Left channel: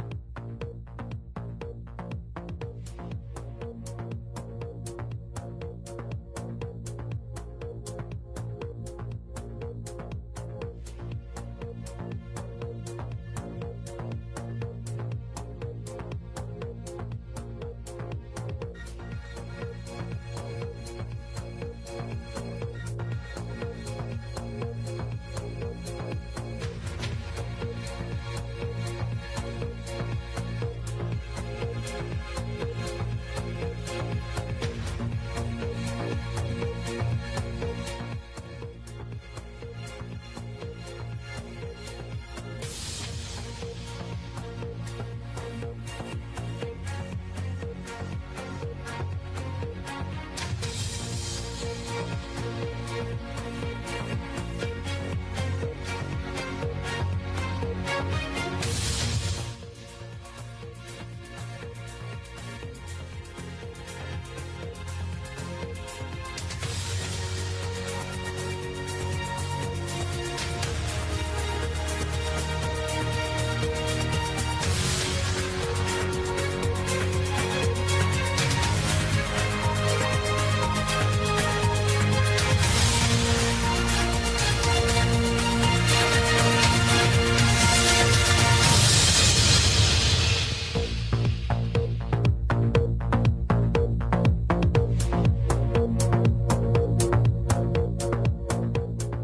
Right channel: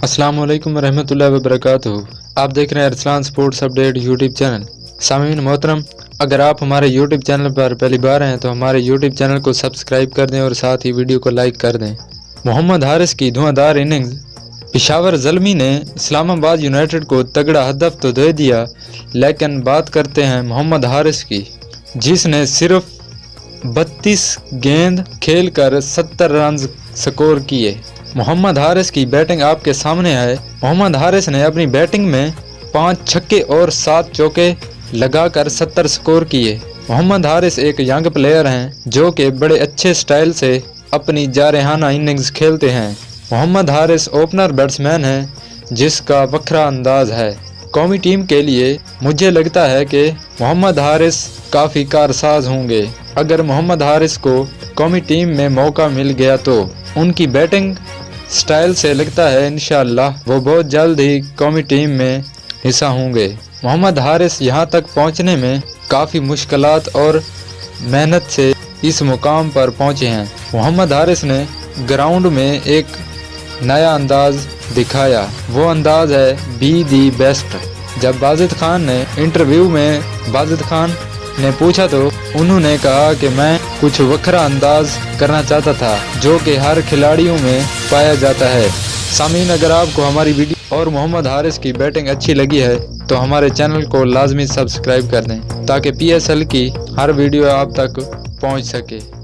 अस्सलाम वालेकुम रहमतुल्लाहि व बरकातुहू। आप देख रहे हैं Arsalan sports update YouTube channel. सामीन मोहतरम, अगर आप हमारे यूट्यूब चैनल पर पहली बार हैं तो हमारे यूट्यूब चैनल को सब्सक्राइब कर दें और साथ ही वीडियो को लाइक कर दें। मोहम्मद हारिस की धुआंधार इनिंग्स। पेशावर ज़ल्मी ने इस्लामाबाद यूनाइटेड को तगड़ा हदफ तो दे दिया, लेकिन बात करते हैं मोहम्मद हारिस की, जिसने सिर्फ 32 गेंद खेलकर 70 रन स्कोर किए। मोहम्मद हारिस की बैटिंग आपके सामने है। मोहम्मद हारिस ने अपनी बैटिंग में 5 छक्के और 7 चौके लगाकर 70 स्कोर किए। मोहम्मद हारिस एक यंग प्लेयर हैं जो कि बड़े अच्छे स्टाइल से अपनी जारहाना इनिंग्स खेलते हैं। मोहम्मद हारिस ओपनर बैट्समैन हैं जिसका वखरा अंदाज है। कौमी टीम के लिए मुझे लगता है कि मोहम्मद हारिस काफ़ी कारसाज होंगे। अगर मोहम्मद हारिस को कौमी टीम में मौका मिल गया तो उनकी बैटिंग स्टाइल से लगता है इंशाअल्लाह वो बहुत जल्द ही कौमी टीम में हिस्सा होंगे। मोहम्मद हारिस यहाँ तक पहुँचने में काफ़ी मुश्किलात और मेहनत से इस मुकाम पर पहुँचे हैं। मोहम्मद हारिस ने ग्राउंड में एक नया अंदाज दिखाया, वो अंदाज है बी दी बेस्ट। जब बाजिद खान ने इंटरव्यू में बाजिद खान ने पूछा तो उन्होंने कहा कि मैं कुछ वखरा अंदाज करना चाहता था जो कि हर खिलाड़ियों में पाया जाता है। सामीन, अगर आपको हमारी वीडियो और मोहम्मद हारिस की बैटिंग अच्छी लगी है तो हमारे चैनल को लाजमी सब्सक्राइब कर दें ताकि PSL की हर वीडियो आप तक पहुंच सके।